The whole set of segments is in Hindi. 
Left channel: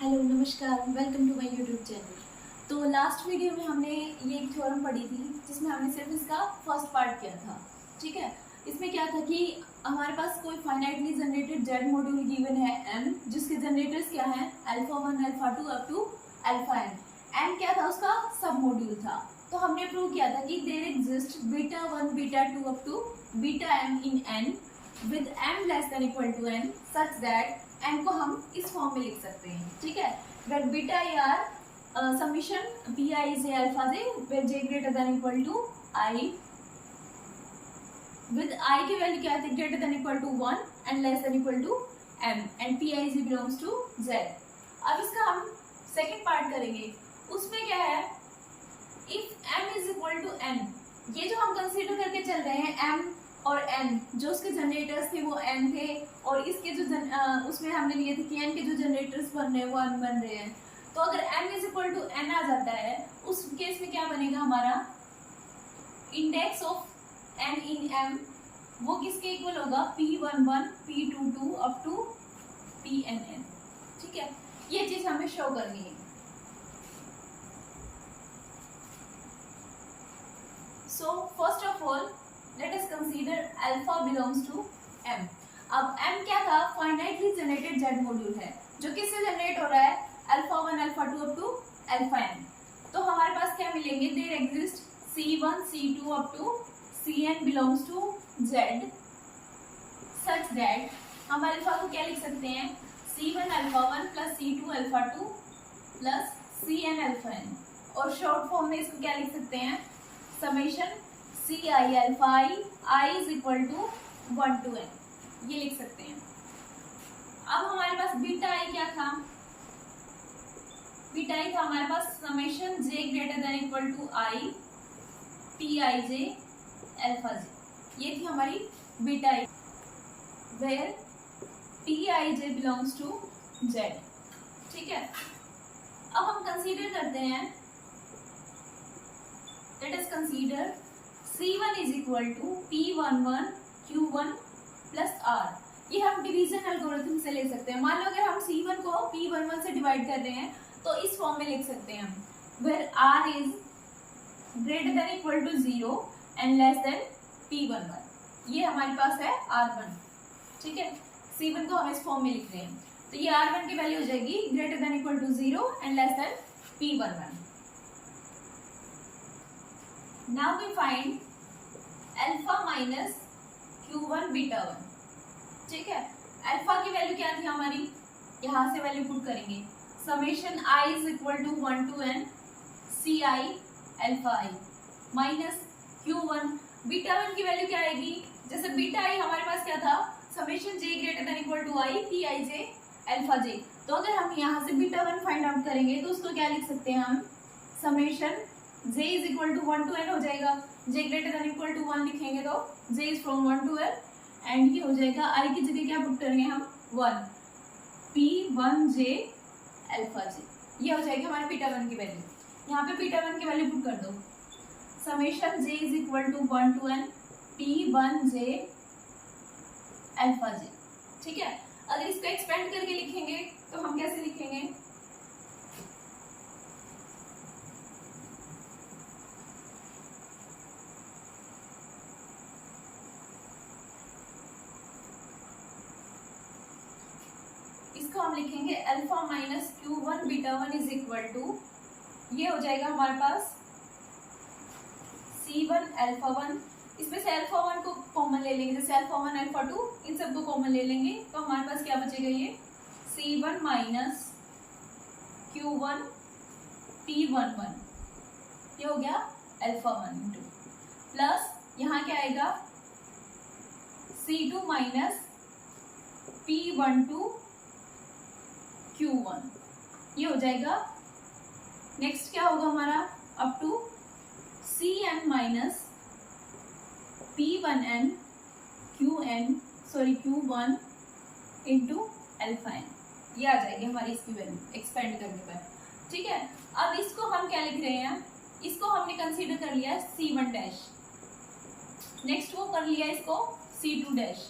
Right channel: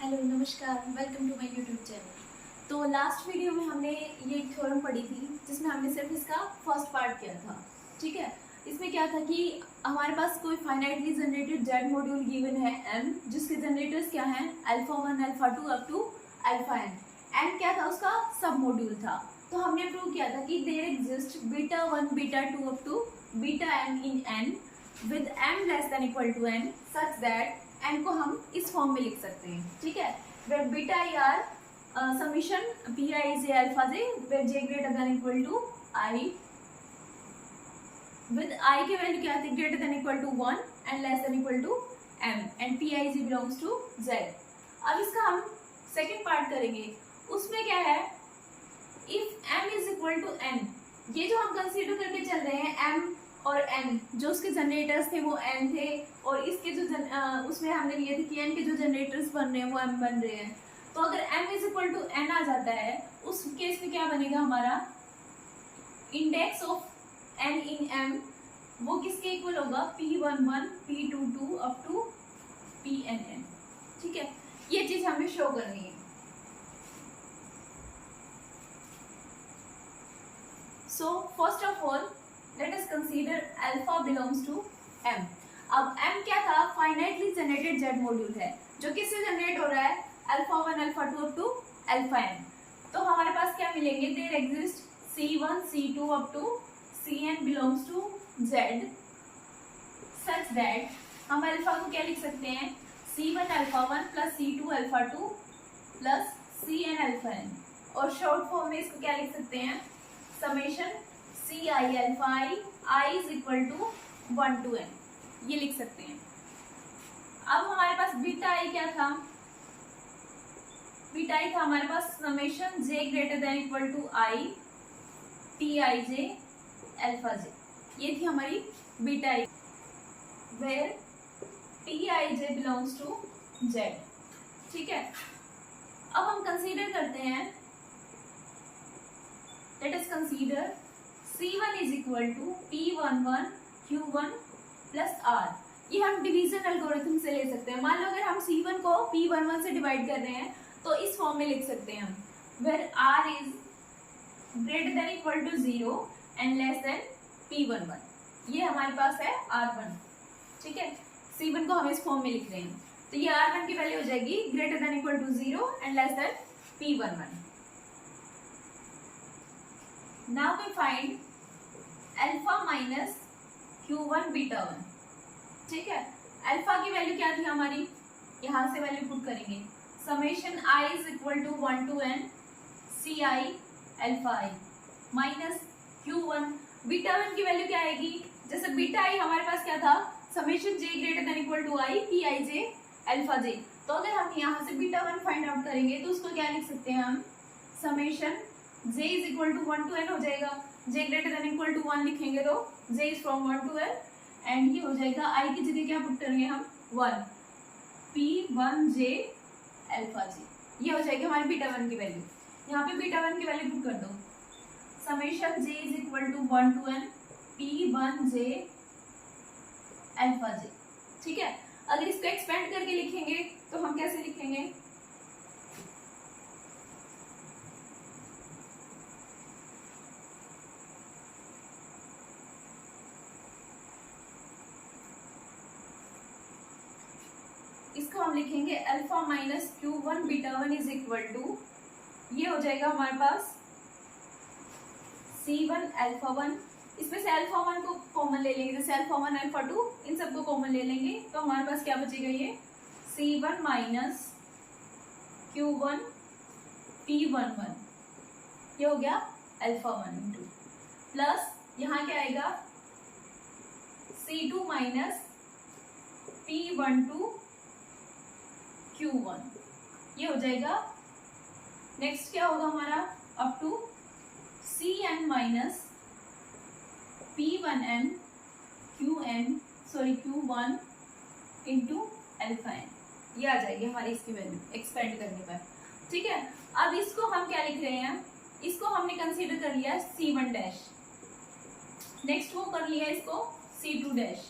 हेलो नमस्कार, welcome to my YouTube channel. तो लास्ट वीडियो में हमने ये एक थ्योरम पढ़ी थी जिसमें हमने सिर्फ इसका फर्स्ट पार्ट किया था। ठीक है, इसमें क्या था कि हमारे पास कोई finitely generated Z module given है m, जिसके जनरेटर्स क्या हैं alpha 1 alpha 2 up to alpha n क्या था उसका सब मॉड्यूल था। तो हमने प्रूव किया था कि there exist beta 1 beta 2 up to beta m in n with m less than equal to n such that n को हम इस फॉर्म में लिख सकते हैं। ठीक है, where beta are summation P I J alpha J where J greater than equal to I with I की वैल्यू क्या थी greater than equal to 1 and less than equal to m and P I G belongs to z। अब इसका हम सेकेंड पार्ट करेंगे, उसमें क्या है if m is equal to n, ये जो हम कंसीडर करके चल रहे हैं m और n, जो उसके जनरेटर्स थे वो n थे और इसके जो उसमें हमने लिए थे कि n के जो जनरेटर्स बन रहे हैं वो m बन रहे हैं। तो अगर m is equal to n आ जाता है उस केस में क्या बनेगा हमारा index of n in m वो किसके इक्वल होगा p11 p22 up to pnn। ठीक है, ये चीज हमें शो करनी है। So first of all let us consider alpha belongs to m। अब m क्या था फाइनाइटली जनरेटेड जेड मॉड्यूल है जो किससे जनरेट हो रहा है alpha 1 alpha 2 up to alpha n। तो हमारे पास क्या मिलेंगे there exist c1 c2 up to cn belongs to z such that हम अल्फा को क्या लिख सकते हैं c1 alpha 1 plus c2 alpha 2 plus cn alpha n, और शॉर्ट फॉर्म में इसको क्या लिख सकते हैं summation C I alpha I is equal to 1 to n, ये लिख सकते हैं। अब हमारे पास बीटा आई क्या था, बीटा आई था हमारे पास summation j greater than equal to i t i J alpha j, ये थी हमारी beta i where t i j belongs to z। ठीक है, अब हम कंसीडर करते हैं let us consider C1 is equal to P11 Q1 plus R। ये हम डिवीजन एल्गोरिथम से ले सकते हैं। मान लो अगर हम C1 को P11 से डिवाइड कर रहे हैं तो इस फॉर्म में लिख सकते हैं हम where R is greater than equal to 0 and less than P11। ये हमारे पास है R1। ठीक है, C1 को हम इस फॉर्म में लिख रहे हैं तो ये R1 की वैल्यू हो जाएगी greater than equal to 0 and less than P11। Now we find alpha minus Q1 beta 1। ठीक है, अल्फा की वैल्यू क्या थी हमारी, यहाँ से वैल्यू पुट करेंगे summation i is equal to 1 to n C I alpha I minus Q1 beta 1 की वैल्यू क्या आएगी, जैसे बीटा आई हमारे पास क्या था summation j greater than equal to i P I J alpha J. तो अगर हम यहाँ से बीटा 1 फाइंड आउट करेंगे तो उसको क्या लिख सकते हैं हम summation j is equal to 1 to n हो जाएगा, j greater than equal to 1 लिखेंगे तो j is from 1 to n and ये हो जाएगा i की जगह क्या पुट करेंगे हम 1 p1j अल्फा j, ये हो जाएगी हमारे बीटा 1 की वैल्यू। यहाँ पे बीटा 1 की वैल्यू पुट कर दो summation j is equal to 1 to n p1j alpha j। ठीक है, अगर इसको एक्सपेंड करके लिखेंगे तो हम कैसे लिखेंगे इसको हम लिखेंगे alpha minus Q1 beta 1 is equal to, ये हो जाएगा हमारे पास C1 अल्फा 1, इसमें से अल्फा 1 को कॉमन ले लेंगे जैसे अल्फा 1 अल्फा 2 इन सबको कॉमन ले लेंगे तो हमारे पास क्या बचेगा ये C1 माइनस Q1 P11, ये हो गया अल्फा 1 इंटू प्लस यहाँ क्या आएगा C2 माइनस P12 Q1, ये हो जाएगा। नेक्स्ट क्या होगा हमारा up to Cn minus P1n Q1 into alpha n, ये आ जाएगी हमारी इसकी वैल्यू एक्सपेंड करने पर। ठीक है, अब इसको हम क्या लिख रहे हैं, इसको हमने कंसीडर कर लिया C1 डैश, नेक्स्ट वो कर लिया इसको C2 dash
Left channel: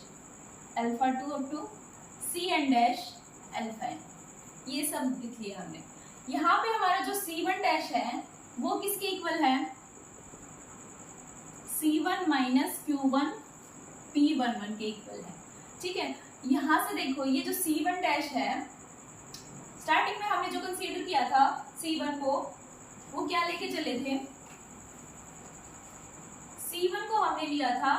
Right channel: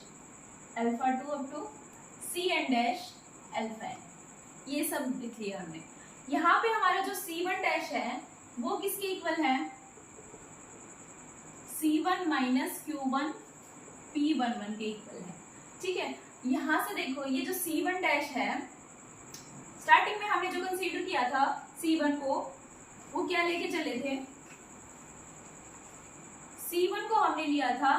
alpha 2 up to Cn dash alpha n, ये सब लिख लिया हमने। यहाँ पे हमारा जो C1 डैश है वो किसके इक्वल है, C1 माइनस Q1 P11 के इक्वल है। ठीक है, यहाँ से देखो ये जो C1 डैश है, स्टार्टिंग में हमने जो कंसीडर किया था C1 को, वो क्या लेके चले थे, C1 को हमने लिया था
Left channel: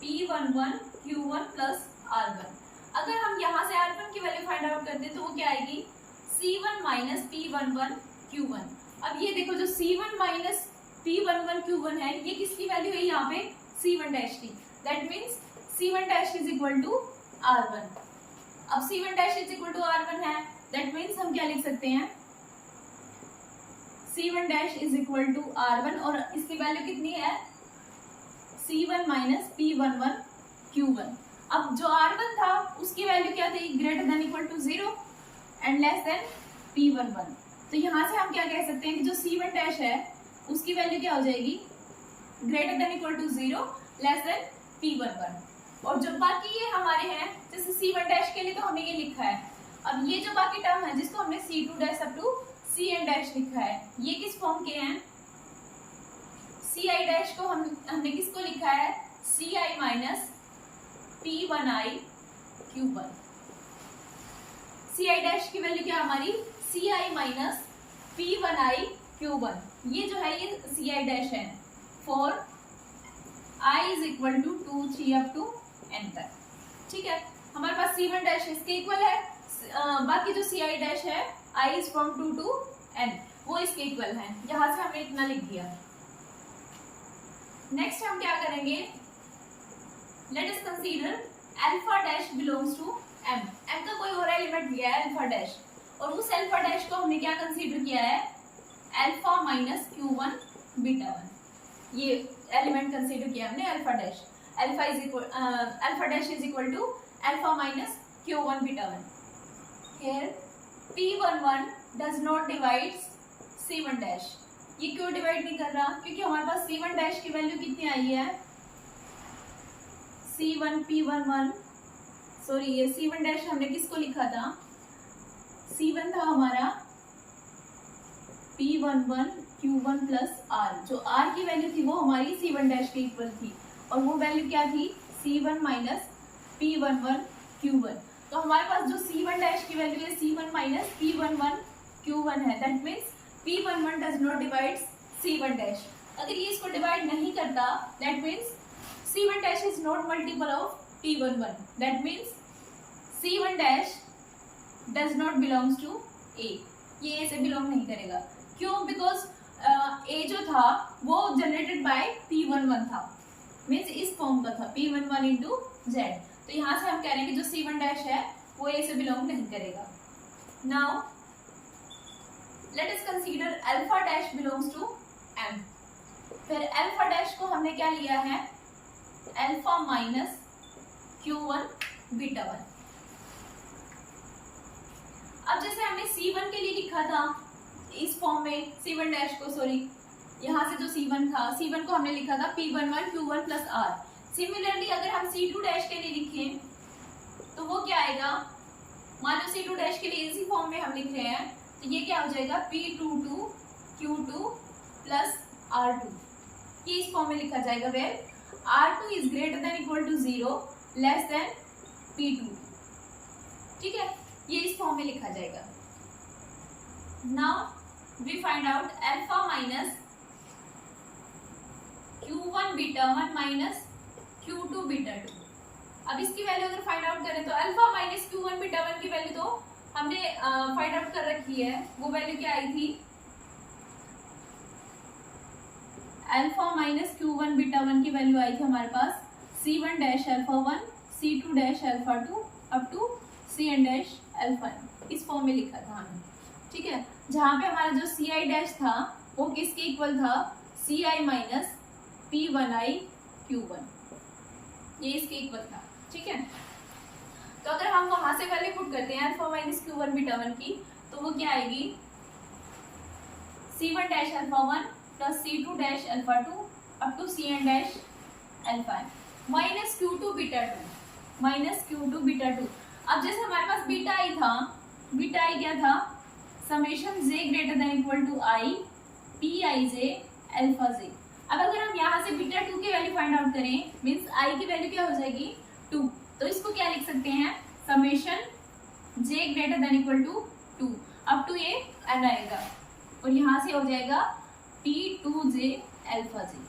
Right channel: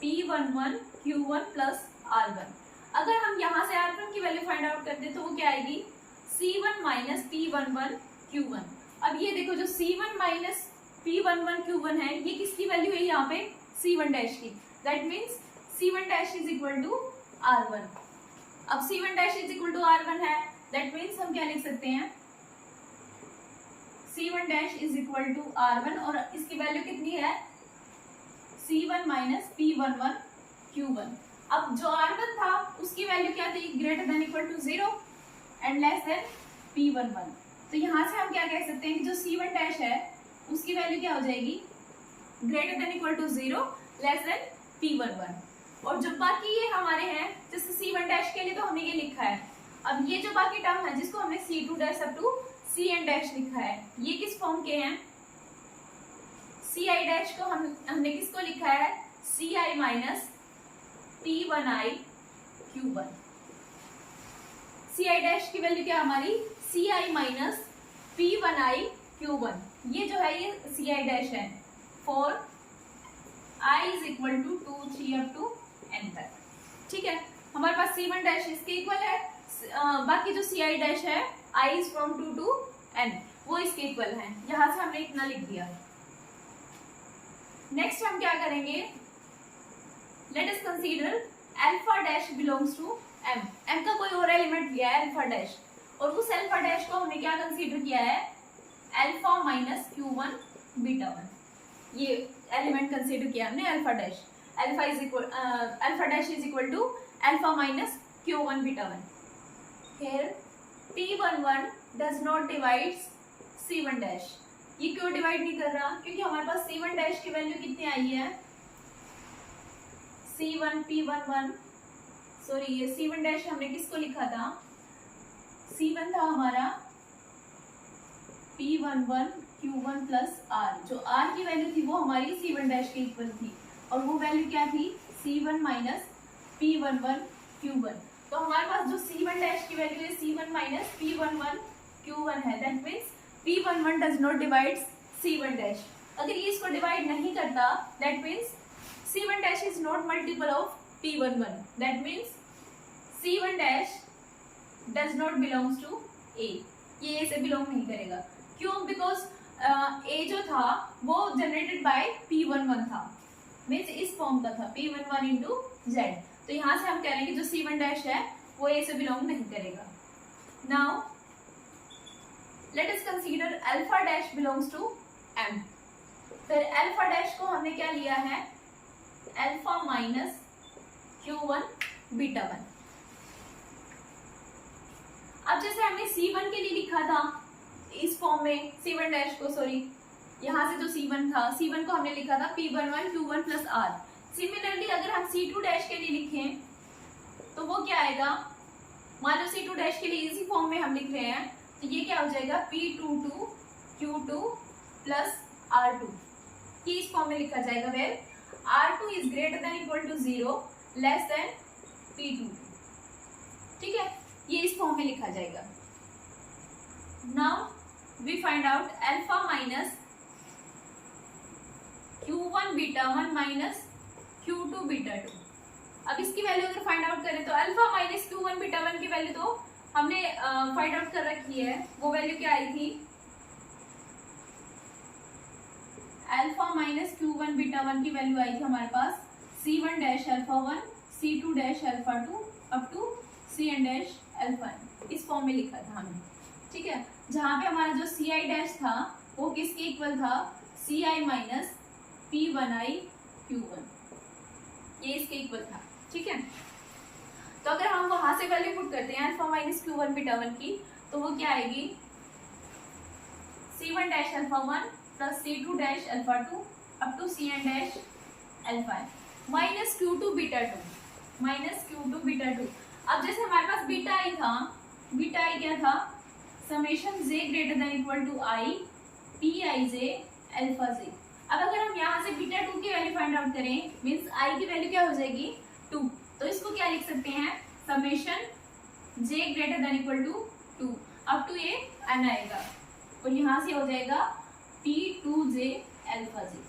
P11 Q1 प्लस R1। अगर हम यहाँ से R1 की वैल्यू फाइंड आउट करते तो वो क्या आएगी, C1 माइनस P11 Q1। अब ये देखो जो C1 माइनस P11 Q1 है, ये किसकी वैल्यू है यहाँ पे, C1 डैश की। That means C1 dash is equal to R1। अब C1 dash is equal to R1 है, दैट मीन्स हम क्या लिख सकते हैं, C1 dash is equal to R1 और इसकी वैल्यू कितनी है, C1 माइनस P11 Q1। अब जो R1 था उसकी वैल्यू क्या थी, greater than equal to 0 and less than P11। तो यहाँ से हम क्या कह सकते हैं कि जो C1 डैश है उसकी वैल्यू क्या हो जाएगी, greater than equal to 0 less than P11। और जो बाकी ये हमारे हैं, जैसे C1 डैश के लिए तो हमने ये लिखा है। अब ये जो बाकी टर्म है जिसको हमने C2 dash up to Cn dash लिखा है, ये किस फॉर्म के हैं, Ci डैश को हमने किसको लिखा है, Ci minus P1i Q1। Ci dash की वैल्यू क्या हमारी, Ci माइनस P1i Q1। ये जो है ये Ci डैश है for i is equal to 2 3 up to n तक। ठीक है, हमारे पास C1 डैश इसके इक्वल है, बाकी जो Ci डैश है i is from 2 to n, वो इसके इक्वल है। यहाँ से हमने इतना लिख दिया। नेक्स्ट हम क्या करेंगे, let us consider alpha dash belongs to m। m का कोई और एलिमेंट लिया है अल्फा डैश, और उस अल्फा डैश को हमने क्या कंसीडर किया है, अल्फा माइनस Q1 बीटा 1। ये एलिमेंट कंसीडर किया हमने alpha dash. Alpha dash is equal to alpha minus Q1 beta 1। Here P11 does not divides C1 dash. ये क्यों डिवाइड नहीं कर रहा, क्योंकि हमारे पास C1 डैश की वैल्यू कितनी आई है, C1 P11, सॉरी ये C1 डैश हमने किसको लिखा था, C1 था हमारा P11 Q1 प्लस R। जो R की वैल्यू थी वो हमारी C1 डैश के इक्वल थी, और वो वैल्यू क्या थी, C1 माइनस P11 Q1। तो हमारे पास जो C1 डैश की वैल्यू है C1 माइनस P11 Q1 है। That means P11 does not divide C1 dash. अगर ये इसको डिवाइड नहीं करता, that means C1 dash is not multiple of P11। That means C1 dash does not belongs to A। ये A से बिलोंग नहीं करेगा। क्यों, बिकॉज A जो था वो जनरेटेड बाय P11 था, मीन्स इस फॉर्म का था P11 इंटू Z। तो यहाँ से हम कह रहे हैं कि जो C1 डैश है वो A से बिलोंग नहीं करेगा। Now let us consider alpha dash belongs to M। फिर अल्फा डैश को हमने क्या लिया है, अल्फा माइनस Q1 बीटा 1। अब जैसे हमने C1 के लिए लिखा था इस फॉर्म में, C1 डैश को, सॉरी यहाँ से जो C1 था, C1 को हमने लिखा था P11 Q1 plus R। Similarly अगर हम C2 डैश के लिए लिखें तो वो क्या आएगा, मान लो C2 डैश के लिए इसी फॉर्म में हम लिख रहे हैं, तो ये क्या हो जाएगा, P22 Q2 प्लस R2। ये इस फॉर्म में लिखा जाएगा where R2 is greater than equal to 0 less than P2। ठीक है, ये इस फॉर्म में लिखा जाएगा। Now we find out alpha minus Q1 beta 1 minus Q2 beta 2। अब इसकी वैल्यू अगर फाइंड आउट करें तो अल्फा माइनस Q1 बीटा 1 की वैल्यू तो हमने फाइंड आउट कर रखी है। वो वैल्यू क्या आई थी, अल्फा माइनस Q1 बीटा 1 की वैल्यू आई थी हमारे पास C1 dash alpha 1 C2 dash alpha 2 up to Cn dash alpha n। इस फॉर्म में लिखा था हमने। ठीक है, जहाँ पे हमारा जो Ci डैश था वो किसके इक्वल था, Ci माइनस P1i Q1, ये इसके इक्वल था। ठीक है, तो अगर हम वहां से वैल्यू पुट करते हैं अल्फा माइनस Q1 बीटा 1 की, तो वो क्या आएगी, C1 dash alpha 1 plus C2 dash alpha 2 up to Cn dash alpha n minus Q2 beta 2 minus Q2 beta 2। अब जैसे हमारे पास बीटा आई था बीटा आई क्या था, summation J greater than equal to I P I J alpha J. अब अगर हम यहाँ से बीटा 2 की वैल्यू फाइंड आउट करें, मींस आई की वैल्यू क्या हो जाएगी 2, तो इसको क्या लिख सकते हैं, summation J greater than equal to 2 up to ये एन आएगा और यहाँ से हो जाएगा P2J अल्फा जे।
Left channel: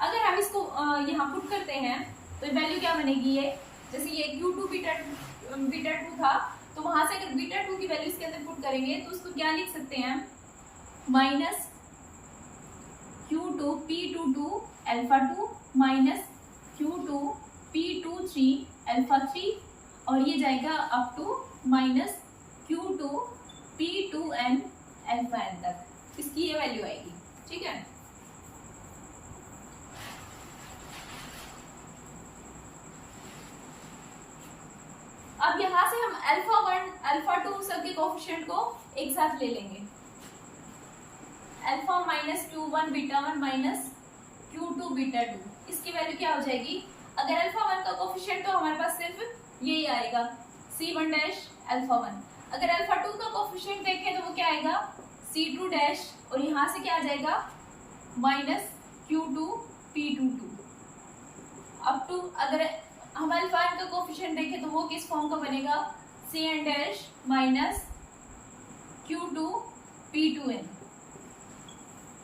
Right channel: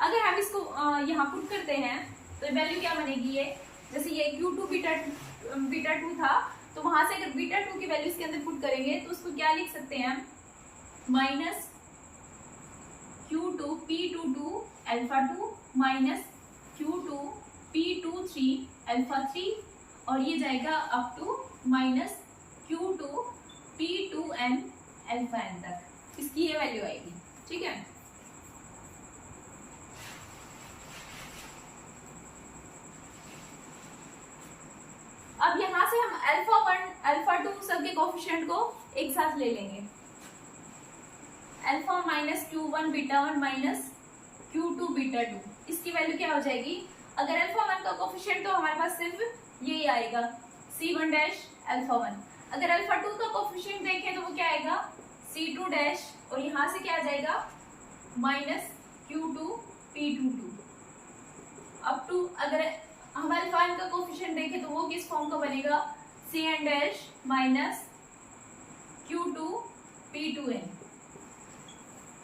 अगर हम इसको यहाँ पुट करते हैं तो वैल्यू क्या बनेगी, ये जैसे ये Q2 बीटा 2 था, तो वहां से अगर बीटा 2 की वैल्यू इसके अंदर पुट करेंगे तो उसको क्या लिख सकते हैं, minus Q2 P22 alpha 2 minus Q2 P23 alpha 3 और ये जाएगा up to minus Q2 P2n alpha n तक, इसकी ये वैल्यू आएगी। ठीक है, अब यहां से हम अल्फा 1 अल्फा 2 सबके कोएफिशिएंट को एक साथ ले लेंगे, alpha minus Q1 beta 1 minus Q2 beta 2, इसकी वैल्यू क्या हो जाएगी, अगर अल्फा 1 का कोएफिशिएंट तो हमारे पास सिर्फ यही आएगा C1 डैश अल्फा 1, अगर अल्फा 2 का कोएफिशिएंट देखें तो वो क्या आएगा C2 डैश और यहाँ से क्या आ जाएगा minus Q2 P22 up to, अगर हम अल्फा n का कोएफिशिएंट देखें तो वो किस फॉर्म का बनेगा, Cn dash minus Q2 P2n।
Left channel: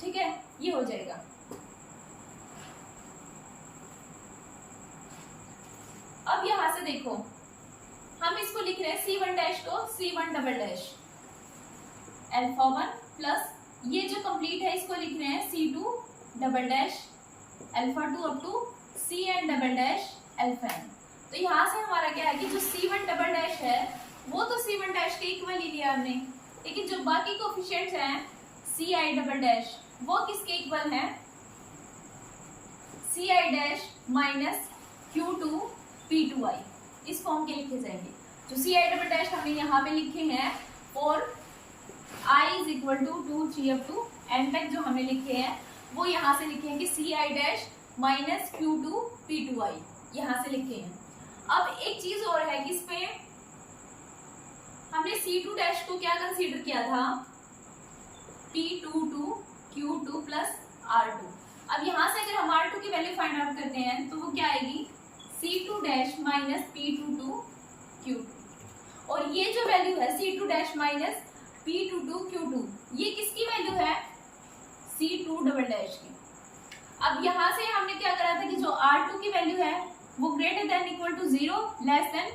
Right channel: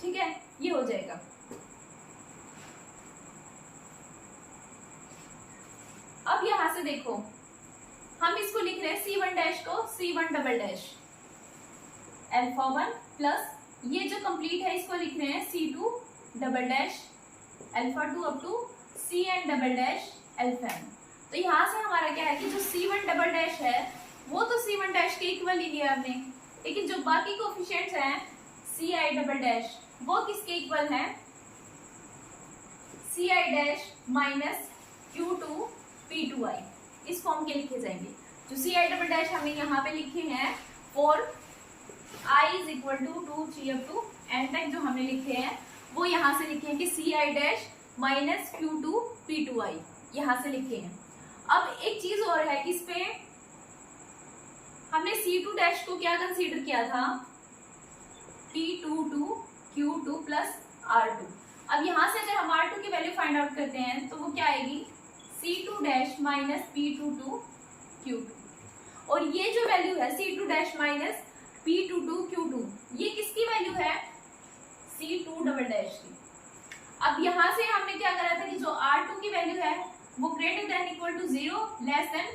ठीक है, ये हो जाएगा। अब यहां से देखो हम इसको लिख रहे हैं C1 डैश को C1 double dash alpha 1 plus ये जो कंप्लीट है इसको लिख रहे हैं C2 double dash alpha 2 up to Cn double dash alpha n। तो यहाँ से हमारा क्या है कि जो C1 डबल डैश है वो तो C1 डैश के इक्वल ही लिया हमने, लेकिन जो बाकी कोएफिशिएंट्स हैं Ci डबल डैश वो किसके इक्वल है, Ci dash minus Q2 P2i, इस फॉर्म के लिखे जाएंगे। जो Ci डबल डैश हमने यहाँ पे लिखे हैं और i is equal to 2 3 up to n तक जो हमने लिखे हैं वो यहाँ से लिखे हैं कि Ci dash minus Q2 P2i यहाँ से लिखे हैं। अब एक चीज और है कि इस पे हमने C2 डैश को क्या कंसीडर किया था, P22 Q2 प्लस R2। अब यहाँ से अगर हम R2 की वैल्यू फाइंड आउट करते हैं तो वो क्या आएगी C2 dash minus P22 Q2 और ये जो वैल्यू है C2 dash minus P22 Q2 ये किसकी वैल्यू है, C2 डबल डैश की। अब यहाँ से हमने क्या करा था कि जो R2 की वैल्यू है वो greater than equal to 0 less than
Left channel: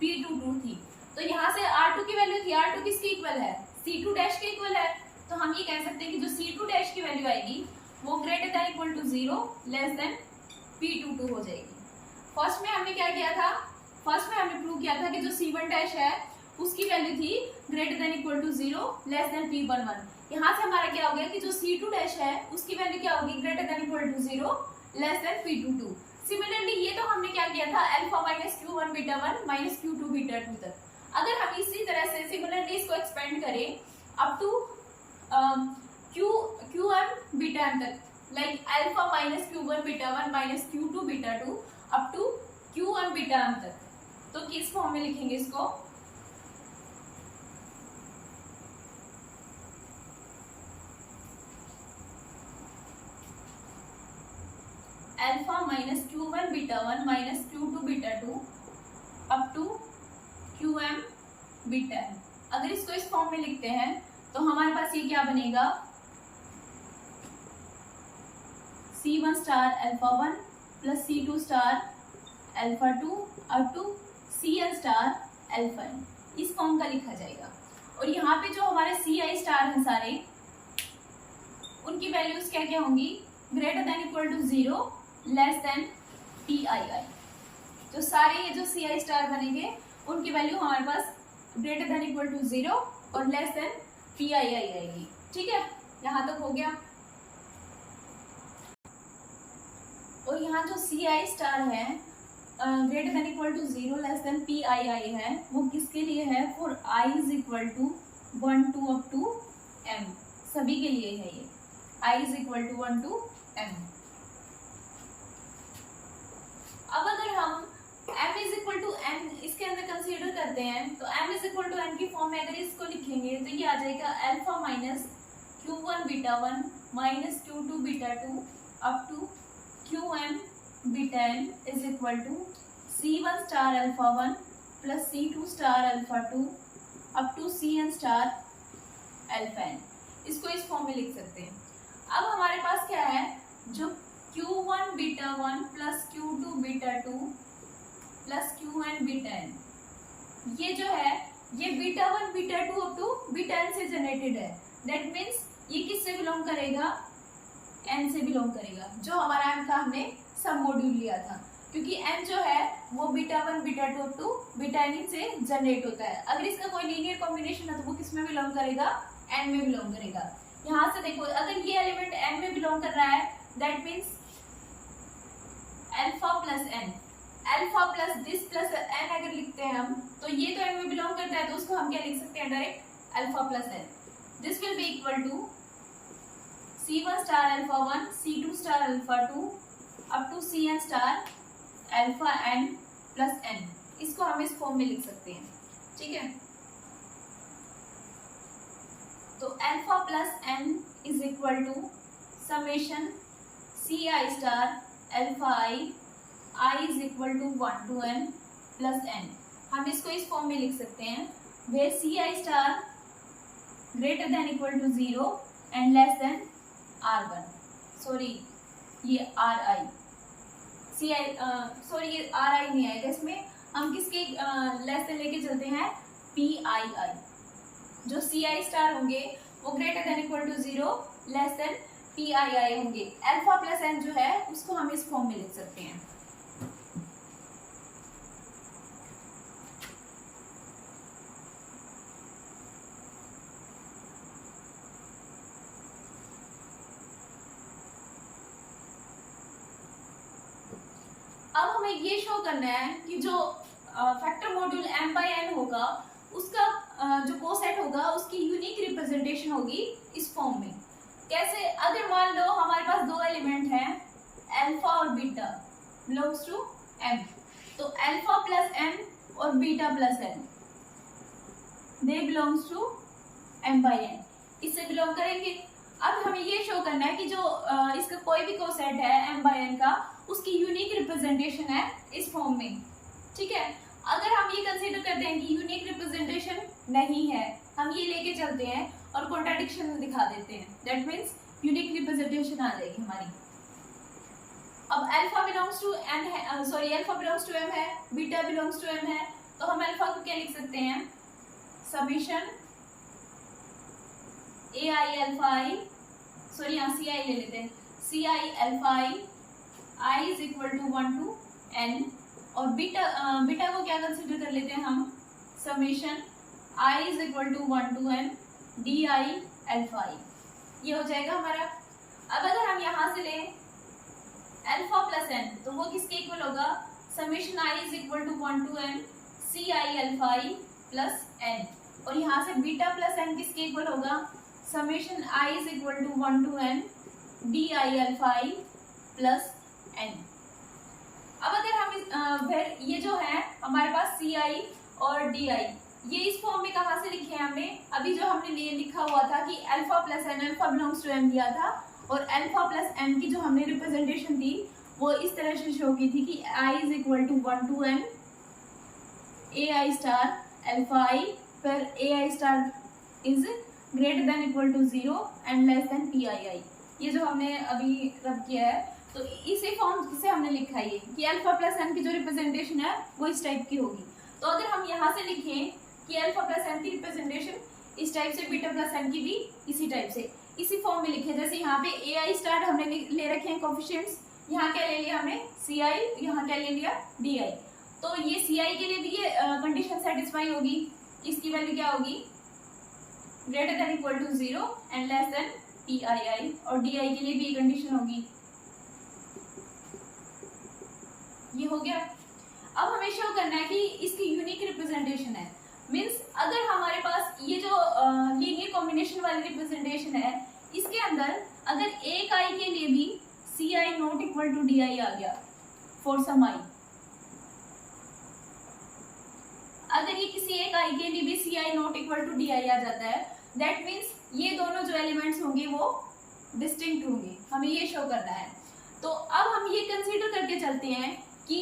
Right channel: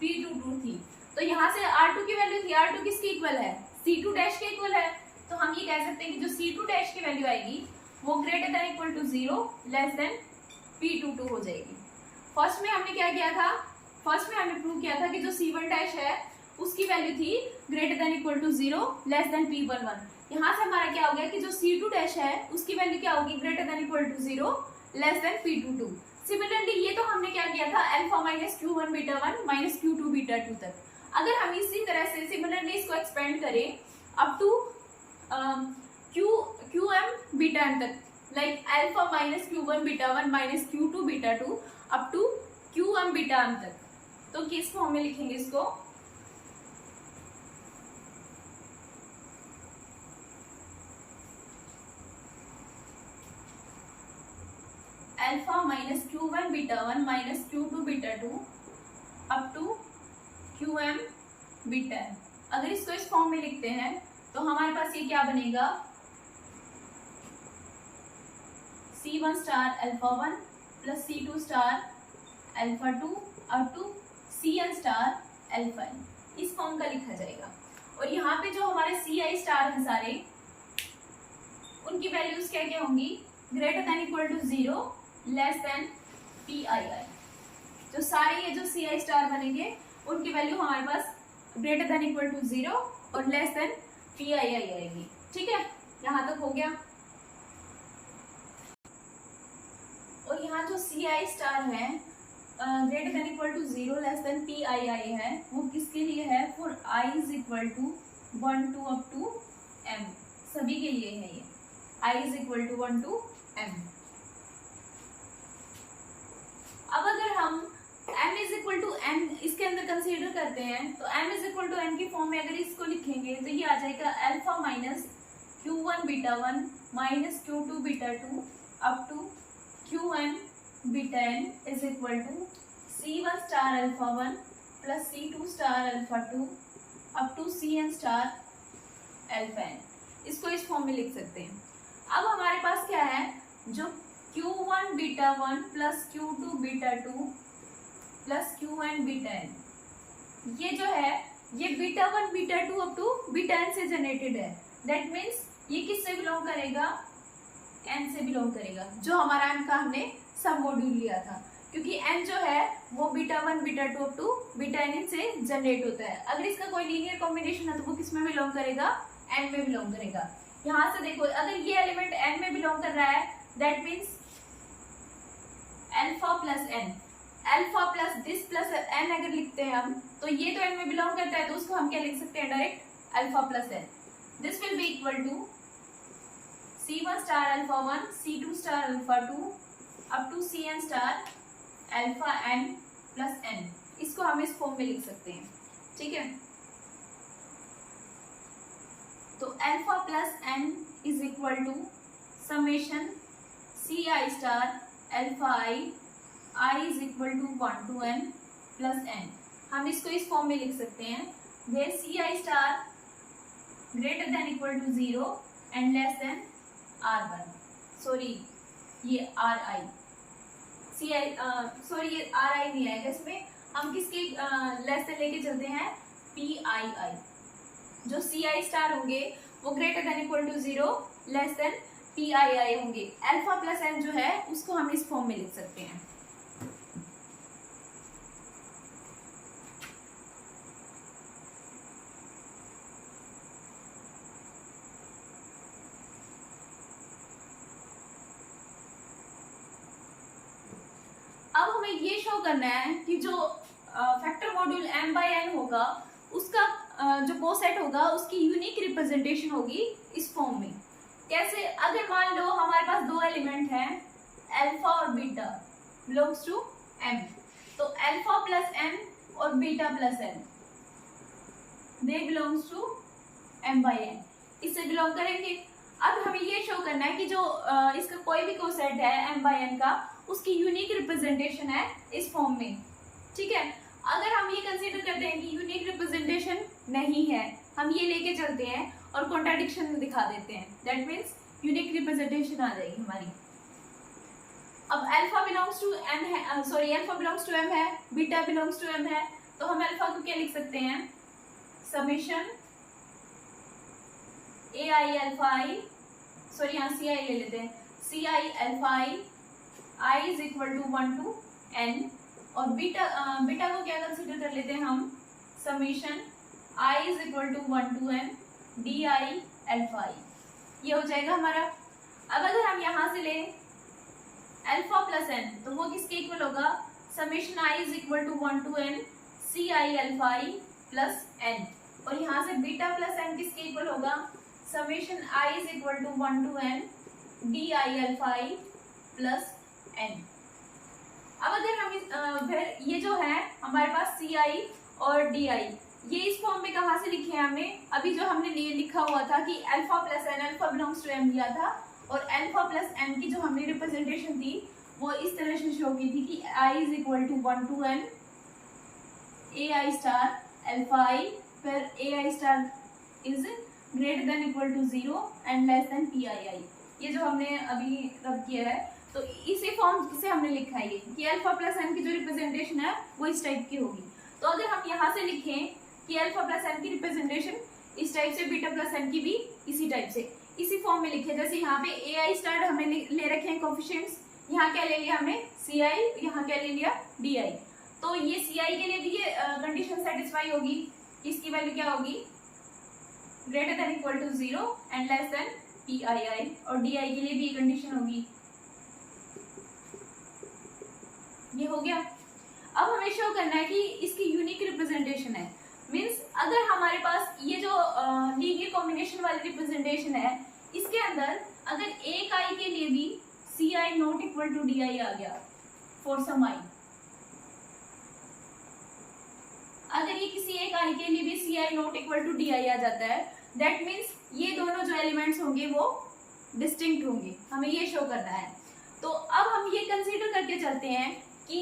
P22 थी, तो यहाँ से R2 की वैल्यू थी, R2 किसकी इक्वल है, C2 डैश के इक्वल है, तो हम ये कह सकते हैं कि जो C2 डैश की वैल्यू आएगी वो greater than equal to 0 less than P22 हो जाएगी। फर्स्ट में हमने क्या किया था, फर्स्ट में हमने प्रूव किया था कि जो C1 डैश है उसकी वैल्यू थी greater than equal to 0 less than P11। यहाँ से हमारा क्या हो गया कि जो C2 डैश है उसकी वैल्यू क्या होगी, greater than equal to 0 less than P22। Similarly ये तो हमने क्या किया था alpha minus Q1 beta 1 minus Q2 beta 2 तक। अगर हम इसी तरह से सिमिलरली इसको एक्सपेंड करें up to QM beta n तक, like alpha minus Q1 beta 1 minus Q2 beta 2 up to QM beta n तक, तो किस फॉर्म में लिखेंगे इसको, alpha minus Q1 beta 1 minus Q2 beta 2 up to QM beta n। अगर इसको इस फॉर्म में लिखते हैं तो हमारे पास ये क्या बनेगा, C1 star alpha 1 plus C2 star alpha 2 up to Cn star alpha n, इस फॉर्म का लिखा जाएगा। और यहाँ पे जो हमारे Ci स्टार हैं सारे, उनकी वैल्यूज क्या क्या होंगी, greater than equal to 0 less than Pii। जो सारे ये जो Ci स्टार बनेंगे उनकी वैल्यू हमारे पास ग्रेटर देन इक्वल टू 0 और लेस देन Pii आएगी। ठीक है, यहाँ तक हो गया। और यहाँ जो Ci स्टार है greater than equal to 0 less than Pii है, वो किसके लिए है, for i is equal to 1 to up to m, सभी के लिए है ये, i is equal to 1 to m। अब अगर हम m is equal to n इसके अंदर कंसीडर करते हैं तो m is equal to n की फॉर्म में अगर इसको लिखेंगे तो ये आ जाएगा alpha minus q1 beta 1 minus q2 beta 2 up to qn beta n is equal to c1 star alpha 1 plus c2 star alpha 2 up to cn star alpha n। इसको इस फॉर्म में लिख सकते हैं। अब हमारे पास क्या है, जो q1 beta 1 plus q2 beta 2 plus qn beta n, ये जो है ये beta 1 beta 2 up to beta n से जनरेटेड है। दैट मीन्स ये किससे बिलोंग करेगा, n से बिलोंग करेगा, जो हमारा n का हमने सब मॉड्यूल लिया था, क्योंकि n जो है वो beta 1 beta 2 up to beta n से जनरेट होता है। अगर इसका कोई लीनियर कॉम्बिनेशन है तो वो किस में बिलोंग करेगा, n में बिलोंग करेगा। यहाँ से देखो अगर ये एलिमेंट n में बिलोंग कर रहा है that means alpha plus n, alpha plus this plus n अगर लिखते हैं हम तो ये तो n में बिलोंग करता है, तो उसको हम क्या लिख सकते हैं direct alpha plus n। This will be equal to c1 star alpha 1 c2 star alpha 2 up to cn star alpha n plus n। इसको हम इस फॉर्म में लिख सकते हैं, ठीक है। तो alpha plus n is equal to summation C i star alpha I is equal to 1 to n plus n। हम इसको इस फॉर्म में लिख सकते हैं where c i star greater than equal to 0 and less than r1, sorry ये r i c i, sorry ये आर आई नहीं आएगा इसमें, हम किसके लेस देन लेके चलते हैं पी आई आई। जो सी आई स्टार होंगे वो greater than equal to 0 less than P i i होंगे। अल्फा प्लस एन जो है उसको हम इस फॉर्म में लिख सकते हैं। अब हमें ये शो करना है कि जो factor module m by n होगा उसका जो कोसेट होगा उसकी यूनिक रिप्रेजेंटेशन होगी इस फॉर्म में। कैसे, अगर मान लो हमारे पास दो एलिमेंट हैं अल्फा और बीटा बिलोंग्स टू m, तो अल्फा प्लस m और beta plus n they belongs to m by n, इससे बिलोंग करेंगे। अब हमें ये शो करना है कि जो इसका कोई भी कोसेट है m बाय n का उसकी यूनिक रिप्रेजेंटेशन है इस फॉर्म में, ठीक है। अगर हम ये कंसीडर करते हैं कि यूनिक रिप्रेजेंटेशन नहीं है, हम ये लेके चलते हैं और कॉन्ट्राडिक्शन दिखा देते हैं, दैट मीन्स यूनिक रिप्रेजेंटेशन आ जाएगी हमारी। अब अल्फा बिलोंग्स टू n है, sorry alpha belongs to m है, बीटा बिलोंग्स टू m है, तो हम अल्फा को क्या लिख सकते हैं, summation a i alpha i, sorry यहाँ सी आई ले लेते हैं, c I alpha I is equal to 1 to n, और बीटा को क्या कंसीडर कर लेते हैं हम, summation i is equal to 1 to n D I alpha i, ये हो जाएगा हमारा। अब अगर हम यहाँ से लें अल्फा प्लस n तो वो किसके इक्वल होगा, summation i is equal to 1 to n C I alpha I plus n, और यहाँ से बीटा प्लस n किसके इक्वल होगा, summation i is equal to 1 to n D I alpha I plus n। अब अगर हम फिर ये जो है हमारे पास सी आई और डी आई, ये इस फॉर्म में कहाँ से लिखे हैं हमने, अभी जो हमने लिखा हुआ था कि alpha plus N, alpha belongs to M दिया था, और अल्फा प्लस एन की जो हमने रिप्रेजेंटेशन थी वो इस तरह से शो की थी कि i is equal to 1 to n a i star alpha i, फिर a i star is greater than equal to 0 and less than P i i. ये जो हमने अभी रब किया है तो इसी फॉर्म से हमने लिखा है कि अल्फा प्लस एन की जो रिप्रेजेंटेशन है वो इस टाइप की होगी। तो अगर हम यहाँ से लिखें कि अल्फा प्लस एन की रिप्रेजेंटेशन इस टाइप से, बीटा प्लस एन की भी इसी टाइप से, इसी फॉर्म में लिखे, जैसे यहाँ पे ए आई स्टार हमने ले रखे हैं कोफिशिएंट्स, यहाँ क्या ले लिया हमने सी आई, यहाँ क्या ले लिया डी आई, तो ये सी आई के लिए भी ये कंडीशन सेटिस्फाई होगी, इसकी वैल्यू क्या होगी, greater than equal to 0 and less than P i i, और डी आई के लिए भी कंडीशन होगी। ये हो गया। अब हमें शो करना है कि इसकी यूनिक रिप्रेजेंटेशन है, मींस अगर हमारे पास ये जो लीनियर कॉम्बिनेशन वाली रिप्रेजेंटेशन है इसके अंदर अगर एक आई के लिए भी c I not equal to D i आ गया फॉर सम आई, एक आई के लिए भी c I not equal to D i आ जाता है, दैट मीन्स ये दोनों जो एलिमेंट्स होंगे वो डिस्टिंक्ट होंगे, हमें ये शो करना है। तो अब हम ये कंसीडर करके चलते हैं कि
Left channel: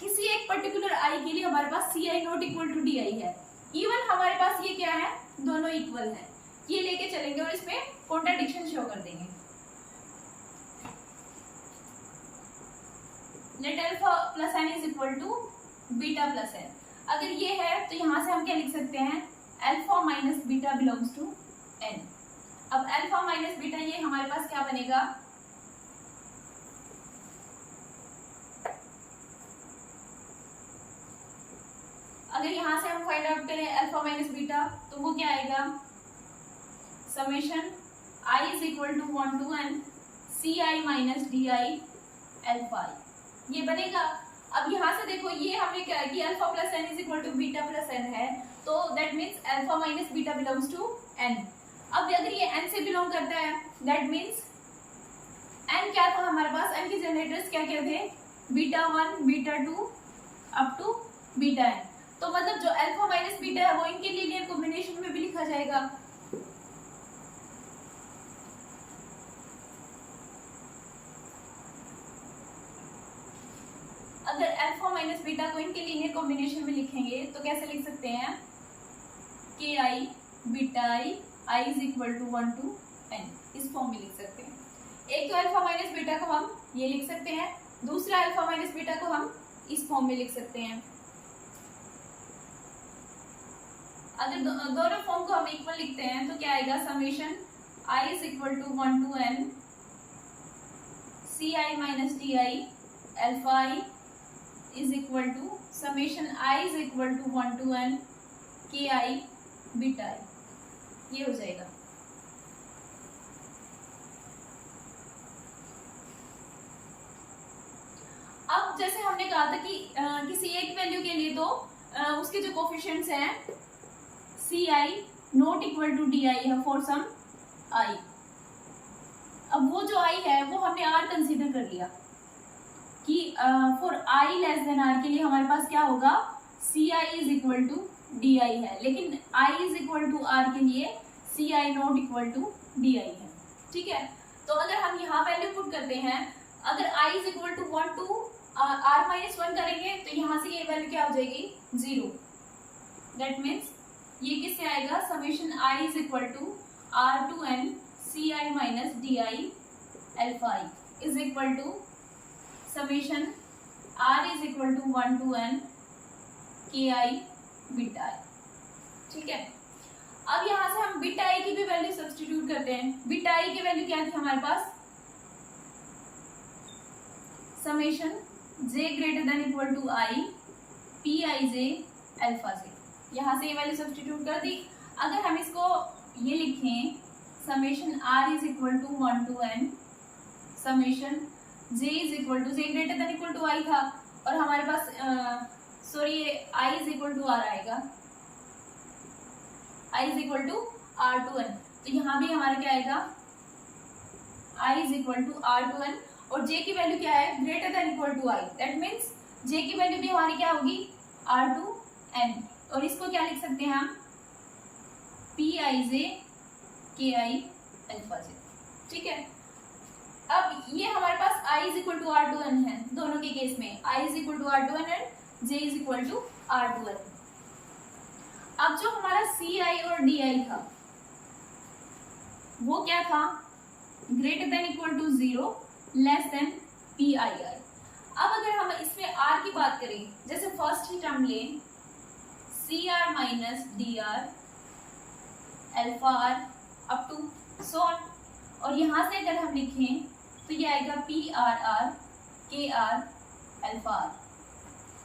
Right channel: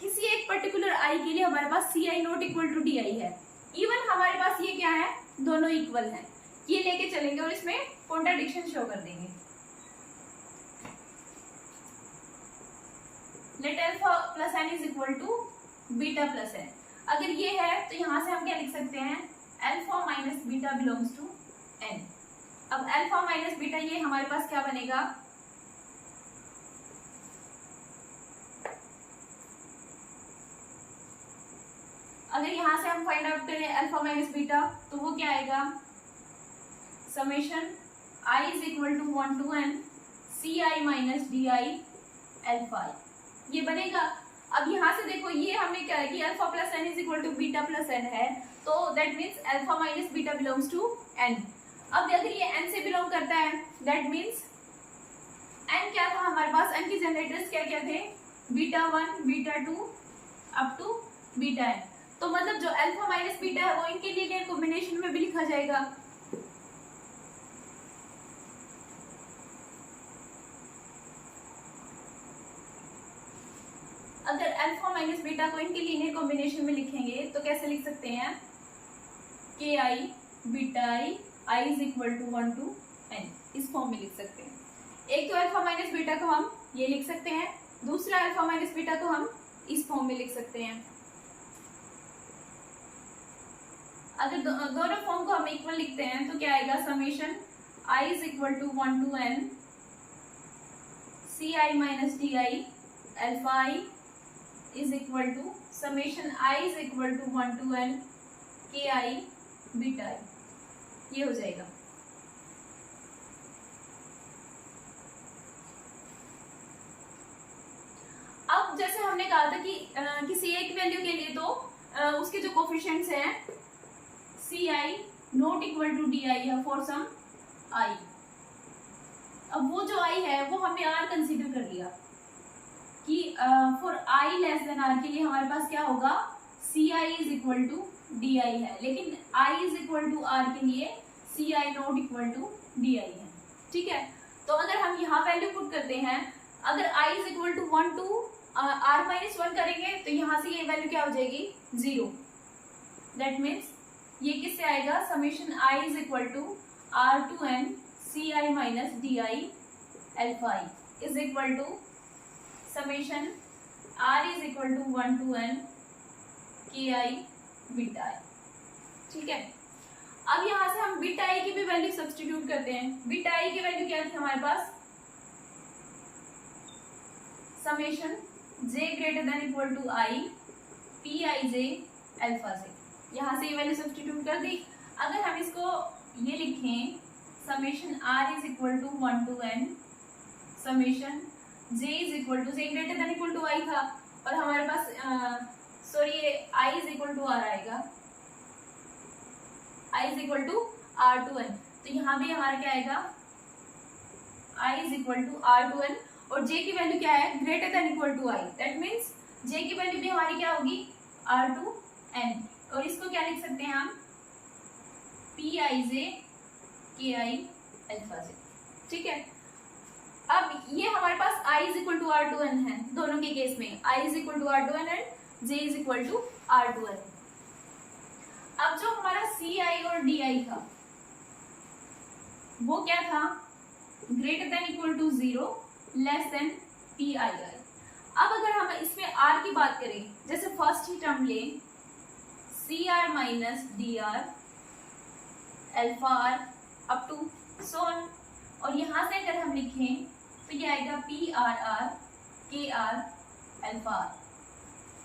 किसी एक पर्टिकुलर आई के लिए हमारे पास c I not equal to D i है, इवन हमारे पास ये क्या है, दोनों इक्वल है, ये लेके चलेंगे और इसमें कॉन्ट्राडिक्शन शो कर देंगे। Let alpha plus N is equal to beta plus N. अगर ये है तो यहां से हम क्या लिख सकते हैं, alpha minus beta belongs to N. अब अल्फा माइनस बीटा ये हमारे पास क्या बनेगा, अगर यहां से हम फाइंड आउट करें अल्फा माइनस बीटा तो वो क्या आएगा, summation I is equal to 1 to N C I minus D I alpha i, ये बनेगा। अब यहाँ से देखो ये हमें क्या है कि alpha plus N is equal to beta plus N है, तो that means alpha minus beta belongs to N. अब अगर ये एन से बिलोंग करता है दैट मीन्स एन क्या था हमारे पास, एन के जनरेटर्स क्या क्या थे, beta 1 beta 2 up to beta N. तो मतलब जो अल्फा माइनस बीटा है वो इनके लीनियर कॉम्बिनेशन में भी लिखा जाएगा। अगर अल्फा माइनस बीटा को इनके लीनियर कॉम्बिनेशन में लिखेंगे तो कैसे लिख सकते हैं, के आई beta i is equal to 1 to n, इस फॉर्म में लिख सकते हैं। एक तो अल्फा माइनस बीटा को हम ये लिख सकते हैं, दूसरा अल्फा माइनस बीटा को हम इस फॉर्म में लिख सकते हैं। अगर दोनों फॉर्म को हम इक्वल लिखते हैं तो क्या आएगा, summation I is equal to 1 to N C I minus D I alpha I is equal to summation I is equal to 1 to N K I beta आई, ये हो जाएगा। अब जैसे हमने कहा था कि किसी एक वैल्यू के लिए तो उसके जो कोफिशिएंट्स हैं c I not equal to D i है फॉर सम आई। अब वो जो आई है वो हमने आर कंसीडर कर लिया कि for i less than r के लिए हमारे पास क्या होगा, c i is equal to D i है, लेकिन i is equal to r के लिए c I not equal to D i है। ठीक है, तो अगर हम यहाँ वैल्यू पुट करते हैं, अगर i is equal to 1 to r minus 1 करेंगे तो यहाँ से ये वैल्यू क्या हो जाएगी, 0। दैट मीन्स ये किससे आएगा, summation I is equal to are to N C I minus D I alpha I is equal to summation are is equal to 1 to N K I beta आई। ठीक है, अब यहां से हम बीटा आई की भी वैल्यू सब्स्टिट्यूट करते हैं। बीटा आई की वैल्यू क्या थी हमारे पास, summation J greater than equal to I P I J alpha से, यहां से ये वैल्यू सब्स्टिट्यूट कर दी। अगर हम इसको ये लिखें, summation are is equal to 1 to n summation j is equal to, j greater than equal to i था और हमारे पास sorry i is equal to r आएगा, i is equal to are to n, तो यहाँ भी हमारा क्या आएगा, i is equal to are to n और j की वैल्यू क्या है, greater than equal to i, that means j की वैल्यू भी हमारी क्या होगी, आर टू एन, और इसको क्या लिख सकते हैं हम, पी आई जे के आई अल्फा जे। ठीक है, अब ये हमारे पास i is equal to are to N है दोनों के केस में, i is equal to are to N and j is equal to are to N. अब जो हमारा सी आई और डी आई था वो क्या था, greater than equal to 0 less than P I R. अब अगर हम इसमें r की बात करें, जैसे फर्स्ट ही टर्म ले C R minus D R alpha R up to so on, और यहां से अगर हम लिखें तो ये आएगा P are R K R alpha R.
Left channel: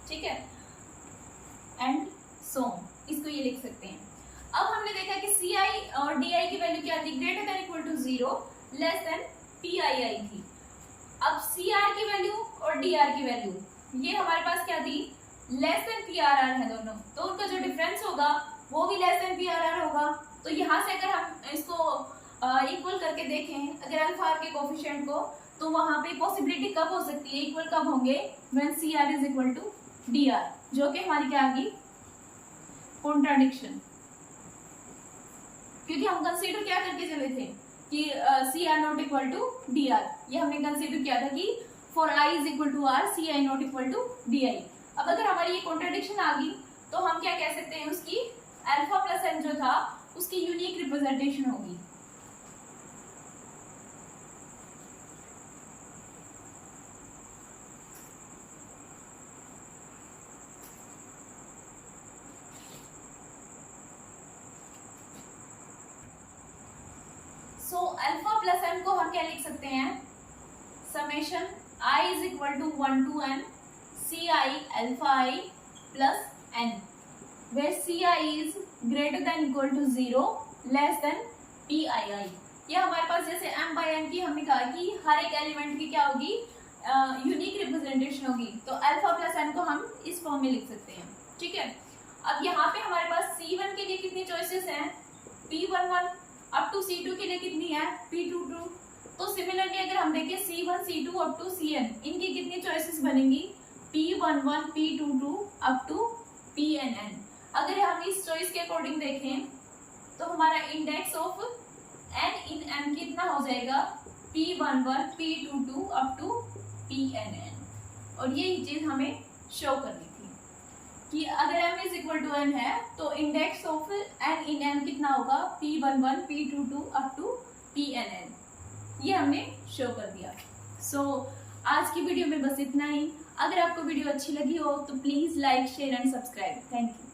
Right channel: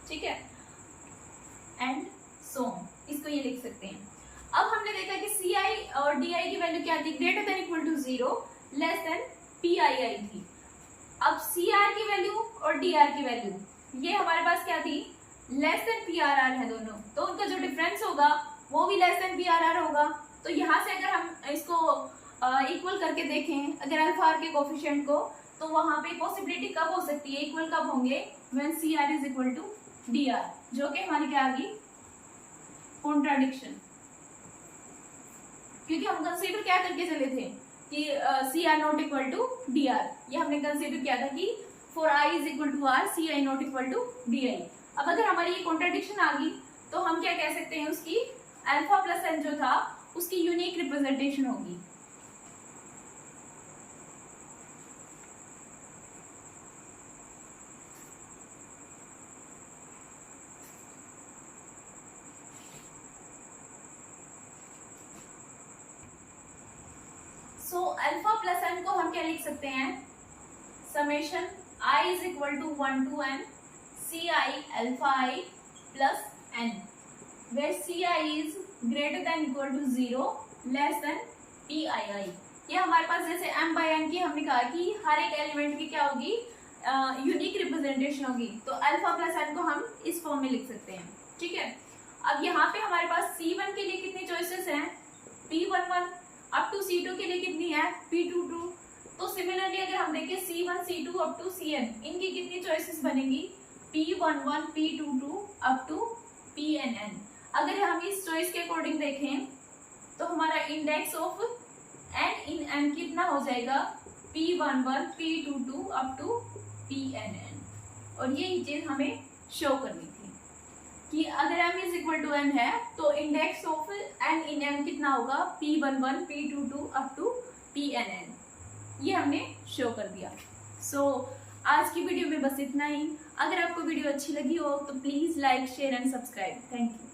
ठीक है, एंड सो इसको ये लिख सकते हैं। अब हमने देखा कि सी आई और डी आई की वैल्यू क्या थी, greater than equal to 0 less than P i i थी। अब सी आर की वैल्यू और डी आर की वैल्यू ये हमारे पास क्या थी, less than p are r है दोनों, तो उनका जो डिफरेंस होगा वो भी less than p are r होगा। तो यहाँ से अगर हम इसको इक्वल करके देखें अगर अल्फा आर के कोफिशिएंट को, तो वहां पे पॉसिबिलिटी कब हो सकती है, इक्वल कब होंगे, when C R is equal to D R, जो कि हमारी क्या आ गई, कॉन्ट्राडिक्शन, क्योंकि हम कंसीडर क्या करके चले थे कि C R not equal to D R, ये हमने कंसीडर किया था कि for I is equal to R C I not equal to D I. अब अगर हमारी ये कॉन्ट्राडिक्शन आ गई तो हम क्या कह सकते हैं, उसकी अल्फा प्लस एन जो था उसकी यूनिक रिप्रेजेंटेशन होगी। सो अल्फा प्लस एन को हम क्या लिख सकते हैं, summation I is equal to 1 to n C I alpha I plus n, where c i is greater than equal to 0 less than P i i. ये हमारे पास जैसे m बाय n की हमने कहा कि हर एक एलिमेंट की क्या होगी, यूनिक रिप्रेजेंटेशन होगी, तो अल्फा प्लस एन को हम इस फॉर्म में लिख सकते हैं। ठीक है, अब यहाँ पे हमारे पास C1 के लिए कितनी चॉइसेस हैं, P11 अप टू C2 के लिए कितनी है, P22। तो सिमिलरली अगर हम देखें C1 C2 up to Cn, इनकी कितनी चॉइसेस बनेंगी, P11 P22 up to Pnn। अगर हम इस चॉइस के अकॉर्डिंग देखें तो हमारा index of n in m कितना हो जाएगा, P11 P22 up to Pnn। और यही चीज हमें शो करनी थी कि अगर m is equal to n है तो index of n in m कितना होगा, P11 P22 up to Pnn। ये हमने शो कर दिया। सो आज की वीडियो में बस इतना ही। अगर आपको वीडियो अच्छी लगी हो तो please like share and subscribe. Thank you.